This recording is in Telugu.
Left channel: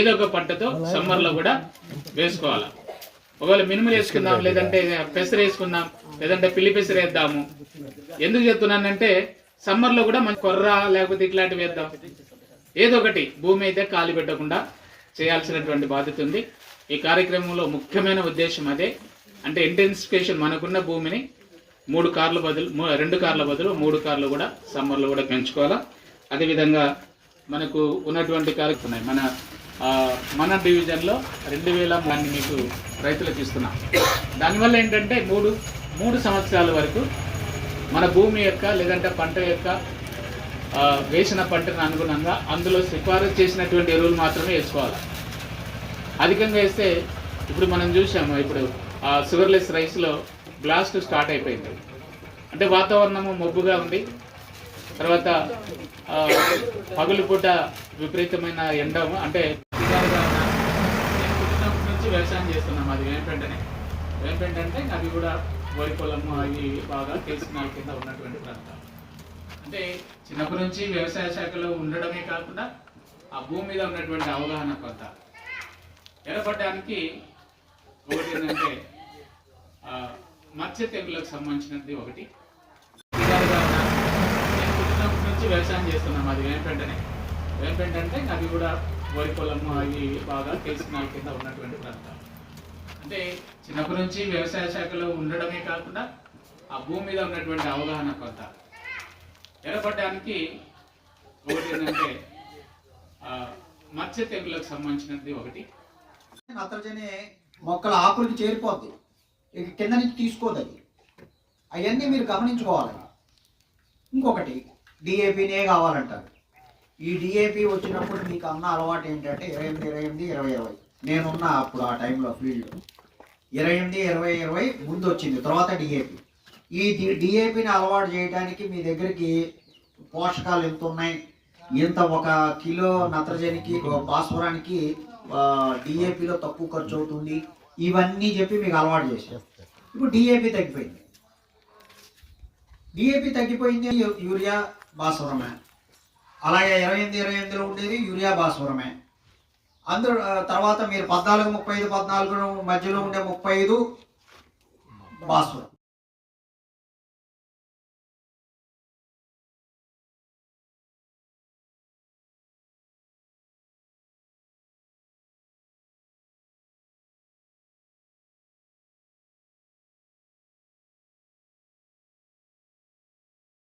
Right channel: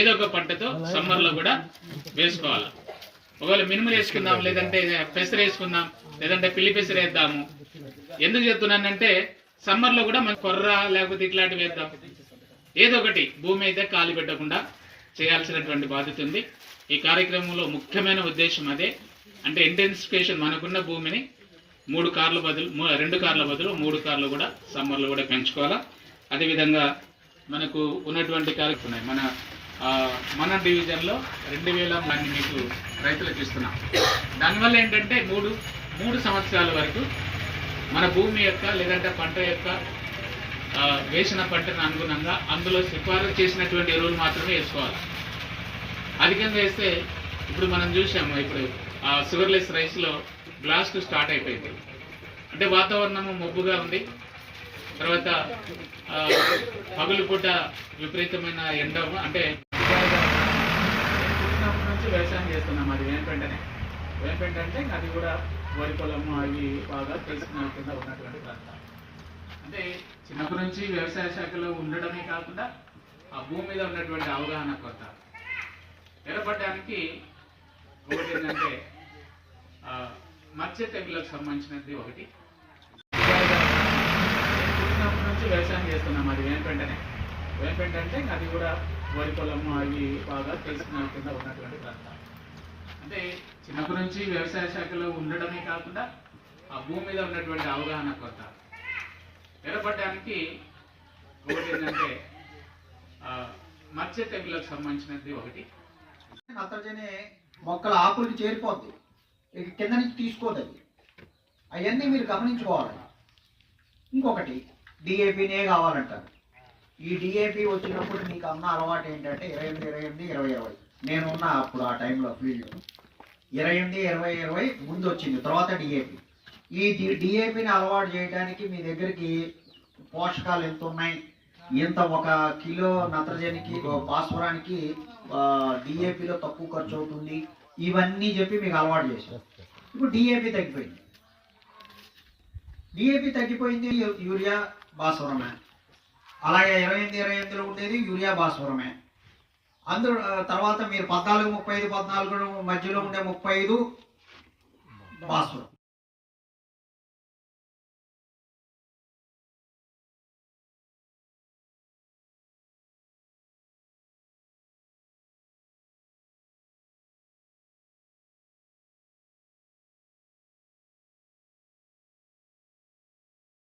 ఏదో ఒక పంటతో సమ్మర్లో కూడా వేసుకోవాలి. ఒకవేళ మినుములు వేసుకుందాం, లేదంటే పెసర వేసుకుందాం, లేదంటే పిల్లి పెసర వేద్దాము. ఎందుకు చెప్తున్నానంటే సమ్మర్లో కూడా మంచి కొర్ర లేకపోతే ఇట్లాంటివి వేద్దాం. ఏదో ఒకటి భూమి అయితే ఖాళీ పెట్టకుండా చేయాల్సినటువంటి బాధ్యత ఉంది. ఈ కార్యక్రమంలో ముఖ్యమైన ఉద్దేశం అదే. అంటే ఇంటెన్సిఫికేషన్, మనకున్న భూమిని 2 కార్ల బదులు 3 కార్లు కూడా సమ్మర్లో కూడా పెంచుకోవాలా. అదేవిధంగా మనకు ఉన్నటువంటి కార్యక్రమం మన డివిజన్లో 2000 మంది మీకు రైతులకు ఇస్తున్నాం. దానివల్ల ఏంటంటే 3 సంవత్సరాల వరకు మన భూమి యొక్క లేదంటే పంట యొక్క వేసిన పంటను అనుగుణంగా అందులో సిఫారసు చేసినటువంటి ఎరువులు మాత్రమే వేసుకోవాలి. అధికంగా వేస్తే ఇప్పుడు మనం చూసాము, ఇప్పుడు షుగర్లెస్ రైస్లో బ్లాస్ట్ స్టార్ట్ అయిపోయింది. అంటే వాతావరణము మబ్బుగా ఉంది, తర్వాత పగులు పూట విపరీతమైన ఎండ, అంటే నుంచి వ్యవసాయం చేస్తున్నాం. అది ఏంటంటే అది కూడా వరి పొలం అవి బాగా తెలిసిన కింద ఉన్నటువంటి ప్రాంతాలు. అంటే చిన్నప్పటి నుంచి వ్యవసాయ శాఖలో ఉండడమే కాకుండా ఆ భూమి మీద ఉన్నటువంటి అవగాహన కొత్త ఏర్పడడానికి ఒకటి ఏంటంటే మత్స్య తెగులకు సంబంధించినది ఒకటి. నుంచి వ్యవసాయం చేస్తున్నాం. అది ఏంటంటే అది కూడా వరి పొలం అవి బాగా తెలిసిన కింద ఉన్నటువంటి ప్రాంతాలు. అంటే చిన్నప్పటి నుంచి వ్యవసాయ శాఖలో ఉండడమే కాకుండా ఆ భూమి మీద ఉన్నటువంటి అవగాహన కొత్త ఏర్పడడానికి ఒకటి ఏంటంటే మత్స్య తెగులకు సంబంధించినది ఒకటి. నత్రజని మొక్కల ఆకులకి చేరిపోద్ది, ఇక కింద నుంచి తీసుకోదు. అవన్నీ మీరు గమనించుకోవాలి. ఇంకొకటి డిఏపినే కావాలంటారు. ఈ డిఏపి వచ్చినప్పుడు మీకు అన్న అలవాటు ఏంటంటే 28, 20 నేనున్న అప్పుడు ఆ టైంలో ఫీల్డ్ 28, 20 ముందు వచ్చింది, తర్వాత డిఏపి. ఈ డిఏపిని అలవాటు చేయడానికి మీ దగ్గరికి పోషకాలు ఎంత ఉన్నాయి, ఎంత 1 కిలో నత్రజనికి భాస్వరానికి డిఏపిలో తక్కువ ఖర్చు అవుతుంది, ఇవన్నీ చెప్పి మీకు అలవాటు చేశారు. ఇప్పుడు డిఏపి తగ్గిపోయింది, యూరియా భాస్వరమే. అలాగే 28 ఉండేది యూరియా భాస్వరమే. అందరూ తర్వాత మీరు 14, 35, 14 మధ్యలో ఉండే 35 భాస్వరం.